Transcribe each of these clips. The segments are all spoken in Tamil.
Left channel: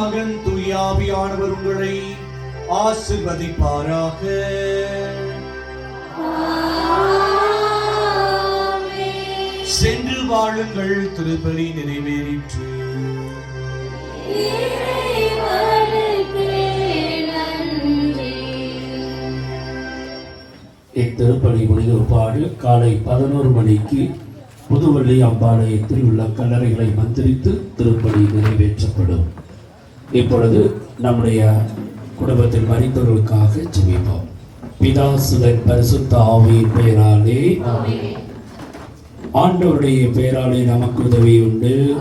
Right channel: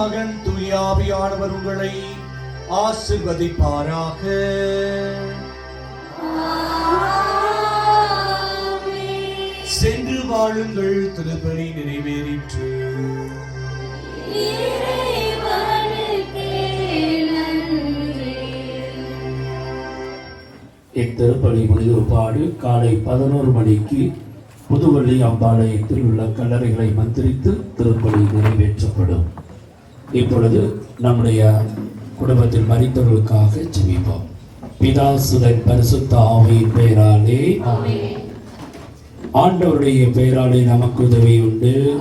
மகன் தூயாவியானவர் உங்களை ஆசிர்வதிப்பாராக. சென்று வாழுங்கள் திருப்பலி நிறைவேறிற்று. இத்திருப்பலி ஒளிபரப்பாடு காலை பதினோரு மணிக்கு புதுவள்ளி அம்பாலயத்தில் உள்ள கல்லறைகளை மந்திரித்து திருப்பலி நிறைவேற்றப்படும். இப்பொழுது நம்முடைய குடும்பத்தில் மறித்தவர்களுக்காக ஜெபிப்போம். பிதா சுதன் பரிசுத்த ஆவியின் பெயராலே. ஆண்டவருடைய பெயராலே நமக்கு உதவி உண்டு.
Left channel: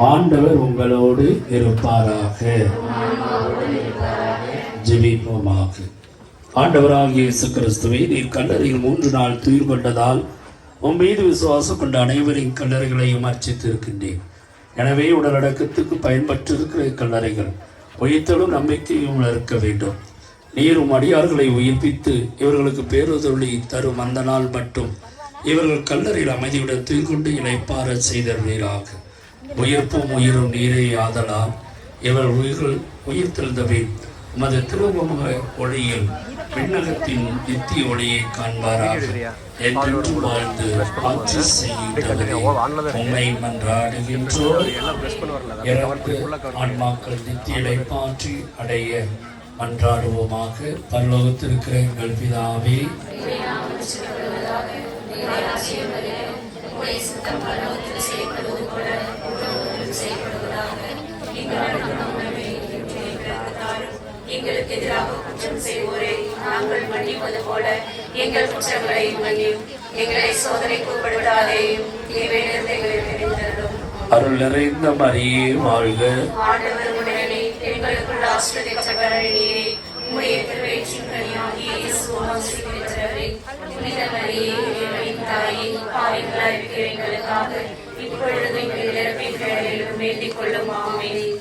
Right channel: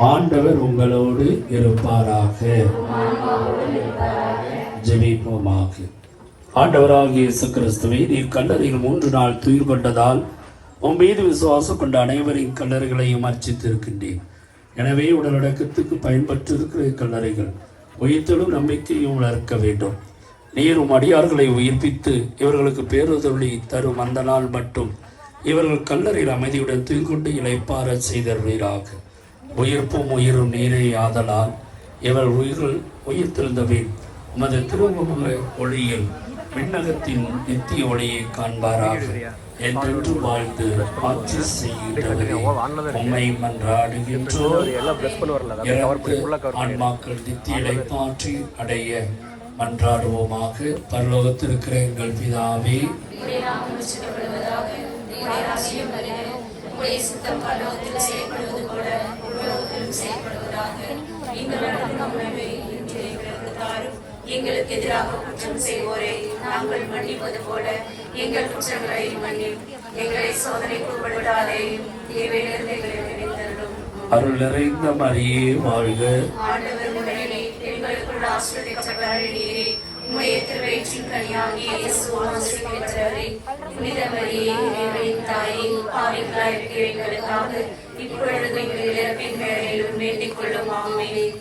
ஆண்டவர் உங்களோடு இருப்பாராக. ஜெபிப்போமாக. ஆண்டவராகிய இயேசு கிறிஸ்துவை நீர் கல்லறையில் மூன்று நாள் துயிர் கொண்டதால் உன் மீது விசுவாசம் கொண்ட அனைவரின் கல்லறைகளையும் அர்ச்சித்திருக்கின்றேன். எனவே உடலடக்கத்துக்கு பயன்பட்டிருக்கிற கல்லறைகள் உயிர்த்தலும் நம்பிக்கையும் வளர்க்க வேண்டும். நீர் உம் அடியார்களை உயிர்ப்பித்து இவர்களுக்கு பேருதொழி தரும் அந்த நாள் மட்டும் இவர்கள் கல்லறையில் அமைதியுடன் துயில் இழைப்பார இளைப்பார செய்தருவீராக. உயிர்ப்பும் உயிரும் நீரே ஆதலால் இவர் உயிர்கள் உயிர் உமது திருமுக ஒளியில் விண்ணகத்தின் நித்திய ஒளியை காண்பாராக. என்றென்றும் வாழ்ந்து ஆட்சி செய்கின்றவரே, இறந்து ஆன்மாக்கள் நித்திய இழைப்பாற்றி அடைய மன்றாடுவோமாக. பரலோகத்திருக்கிற எங்கள் பிதாவே. செய்யப்படுவதாக எங்களுக்கு எதிராக குற்றம் செய்வோரை. நாங்கள் மன்னிப்பது போல எங்கள் குற்றங்களை மன்னியும். எங்களை சோதனைக்கு உட்படுத்தாதே. தீவிலிருந்து எங்களை தெரிந்தரும் அருள் நிறைந்த மரியே வாழ்க ஆண்டவர் உடனே எங்களுக்குள் ஆசிரியர்களே உம்முடைய திருவயிற்றின் கனியாகிய இயேசு புனித மரியே இறைவனின் தாயே பாவிகளாய் இருக்கிற எங்களுக்காக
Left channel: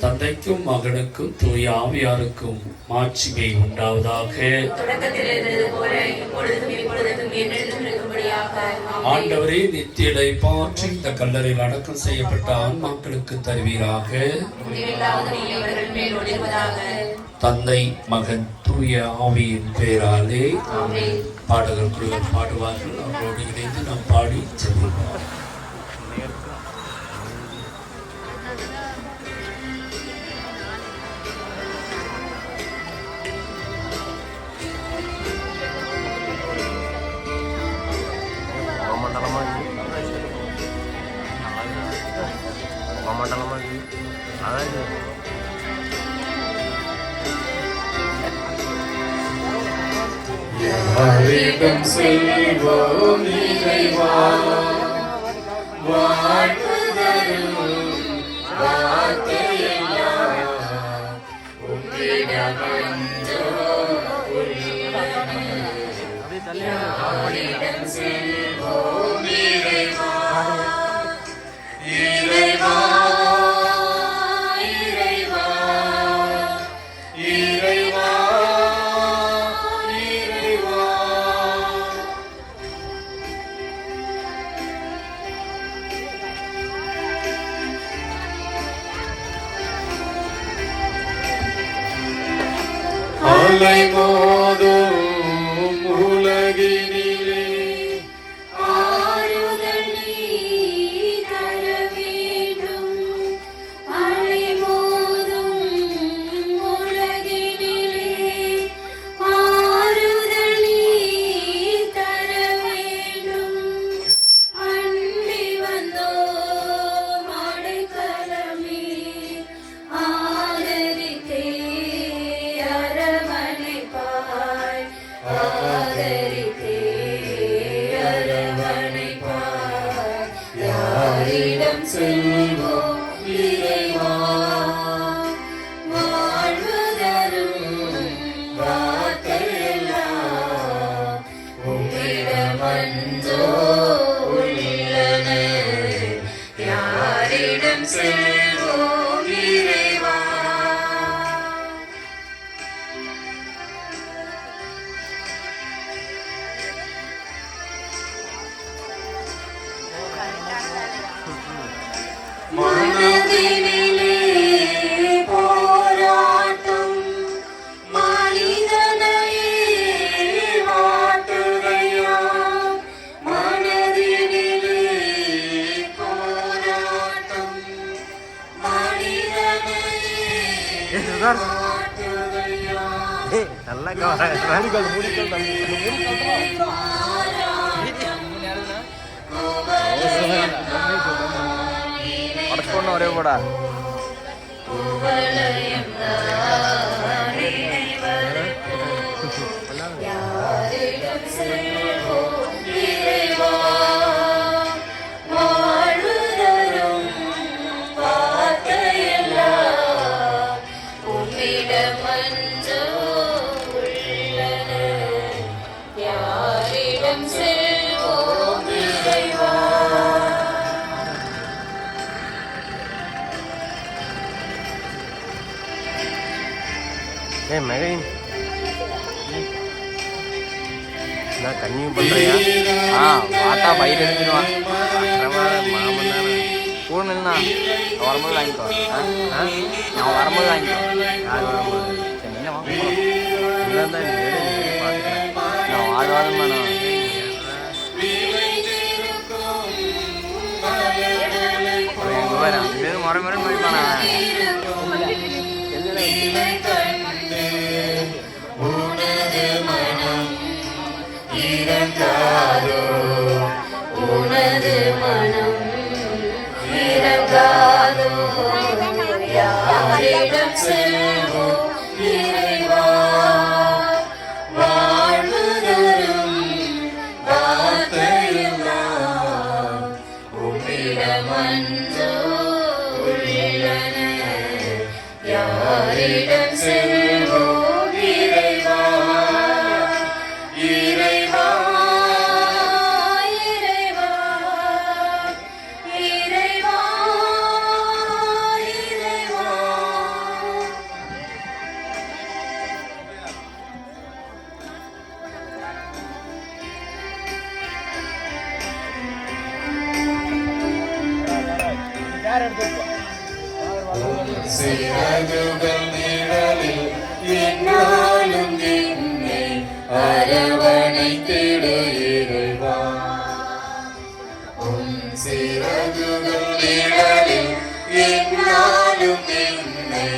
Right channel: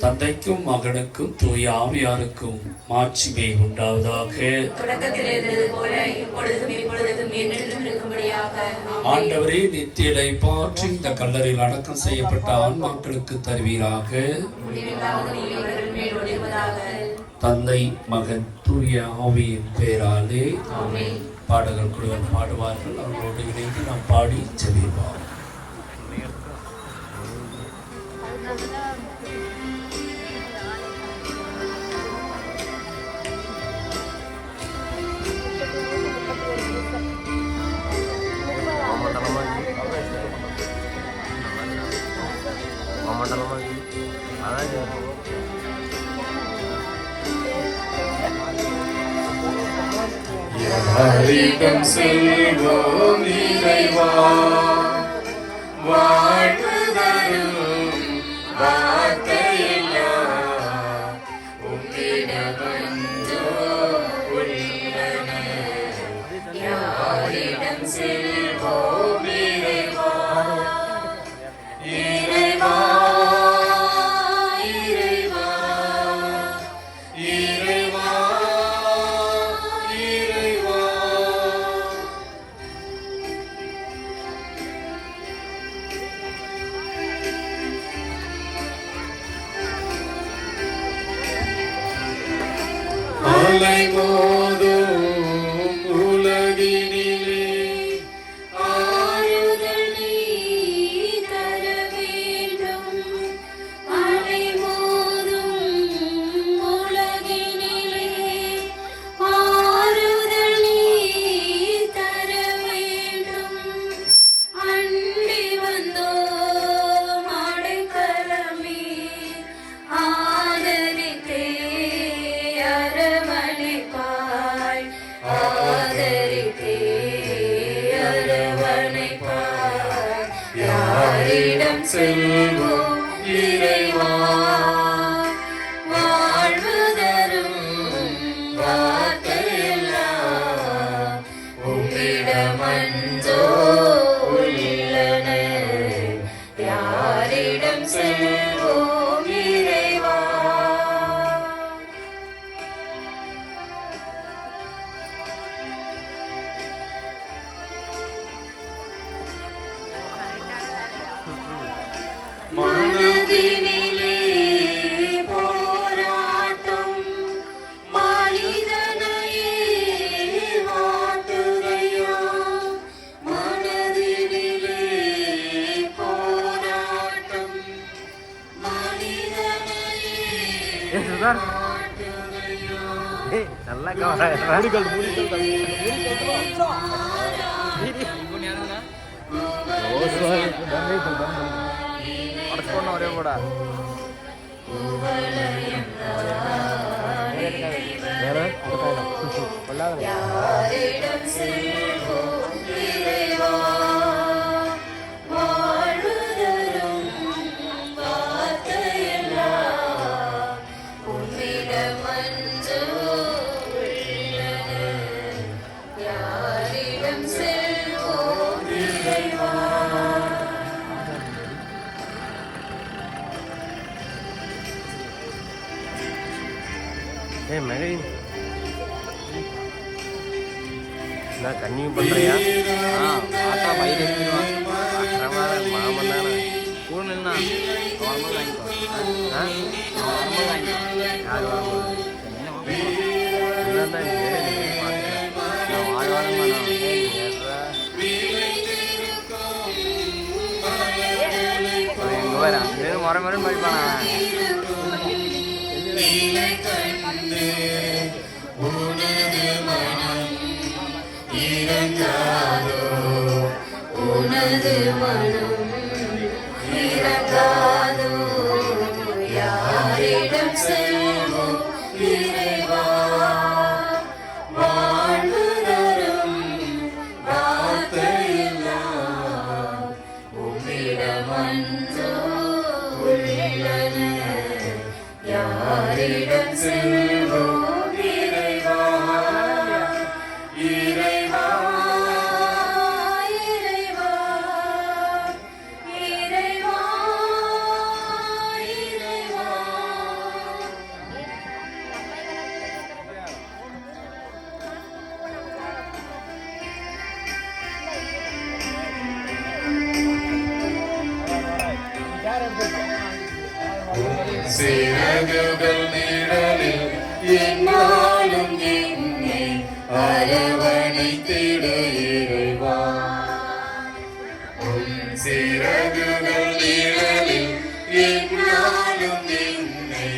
தந்தைக்கும் மகனுக்கும் தூய ஆவியாருக்கும் மாட்சிமை உண்டாவதாக. ஆண்டவரே நித்திய இளைப்பாற்றி இந்த கல்லறையில் அடக்கம் செய்யப்பட்ட ஆன்மாக்களுக்கு தருவீராக. தந்தை மகன் தூய ஆவியின் பெயராலே பாடகர் குழுவர் பாடுவார்கள். அவர்களோடு இணைந்து நாம் பாடி செல்வோம். யாரிடம் செல்வோம் இறைவா. வாழ்வு தரும் வார்த்தையெல்லாம் உம்மிடம் யாரிடம் செல்வோம் இறைவா. இறைவா. Lake செல்வோம் ஏய் நல்லா கவர முடிக்கல் முடிக்கல் ஏய் மெகைன். நான் கன்னியூ பண்றியா? ஆ பார்த்தா பயிர் எழுதிடுவான் அக்கிரமான மாமன் தானே. நான் வரும்போது வாங்கிக்கோ ஆ? நான் வரும்போது வாங்கிக்கோ யார் வரும்போது? சரி, நீ எடு நீ எடு பார்த்துக்கிறேன் நான் வாழ் வாழமா நான். ஏய் நீ எடுறா அவன் எங்க வர அங்கிருந்து முறை முறை உனது மனம் இறங்காதோ? யாரிடம் சிறகுகள் நிழலில் அரவணைத்திடு இறைவா சிறகுகள் நிழலில் என்னாலும் என்னை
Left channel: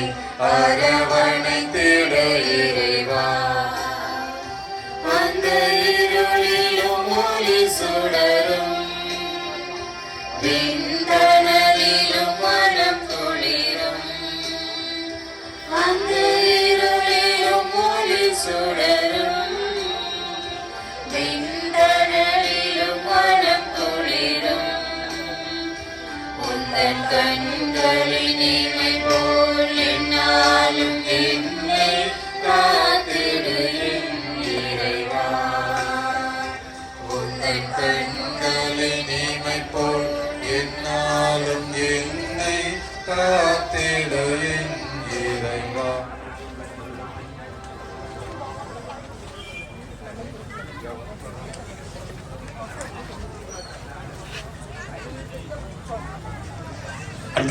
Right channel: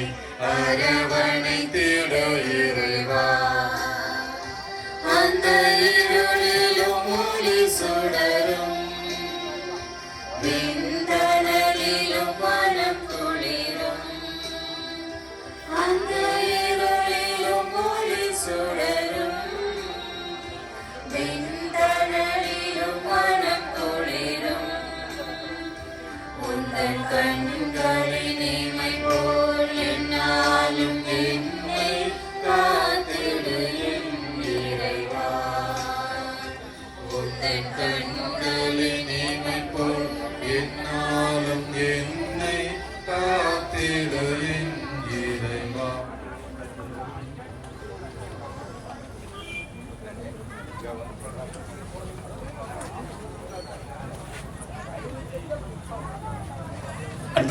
உந்தன் போல் என்னாலும் என்னை காத்திடு இறைவா. உந்தன் கண்களின் போல் என்னாலும் என்னை காத்திடு இறைவா.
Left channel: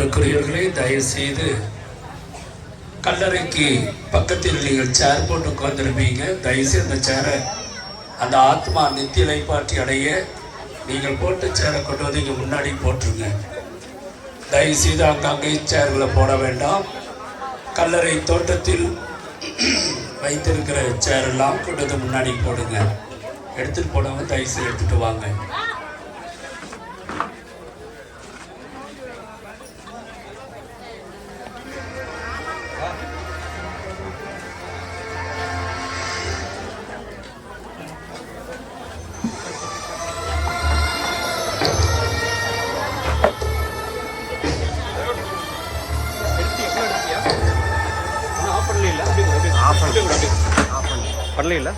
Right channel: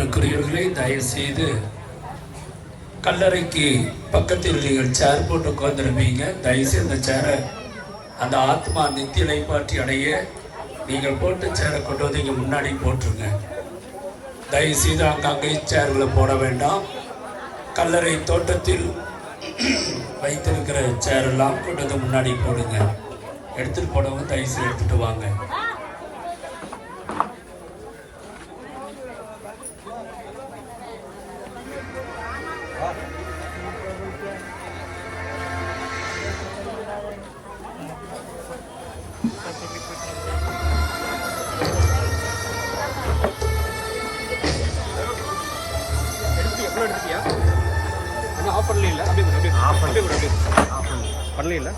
அன்புக்குரியவர்களே தயவுசெய்து கல்லறைக்கு பக்கத்தில் நீங்கள் சேர் போட்டு உட்காந்துருப்பீங்க தயவுசெய்து அந்த சேரை அந்த ஆத்மா நித்திய இலைப்பாற்றி அடைய நீங்கள் போட்டு சேரை கொண்டு வந்து இங்கே முன்னாடி போட்டுருங்க. தயவுசெய்து அங்கங்கே சேர்களை போட வேண்டாம். கல்லறை தோட்டத்தில் வைத்திருக்கிற சேரெல்லாம் கொண்டு வந்து முன்னாடி போடுங்க. எடுத்துகிட்டு போனவங்க தயவுசெய்து எடுத்துகிட்டு வாங்க. ஆஃப் பண்ணி ஆஃப் பண்ணி பண்ணல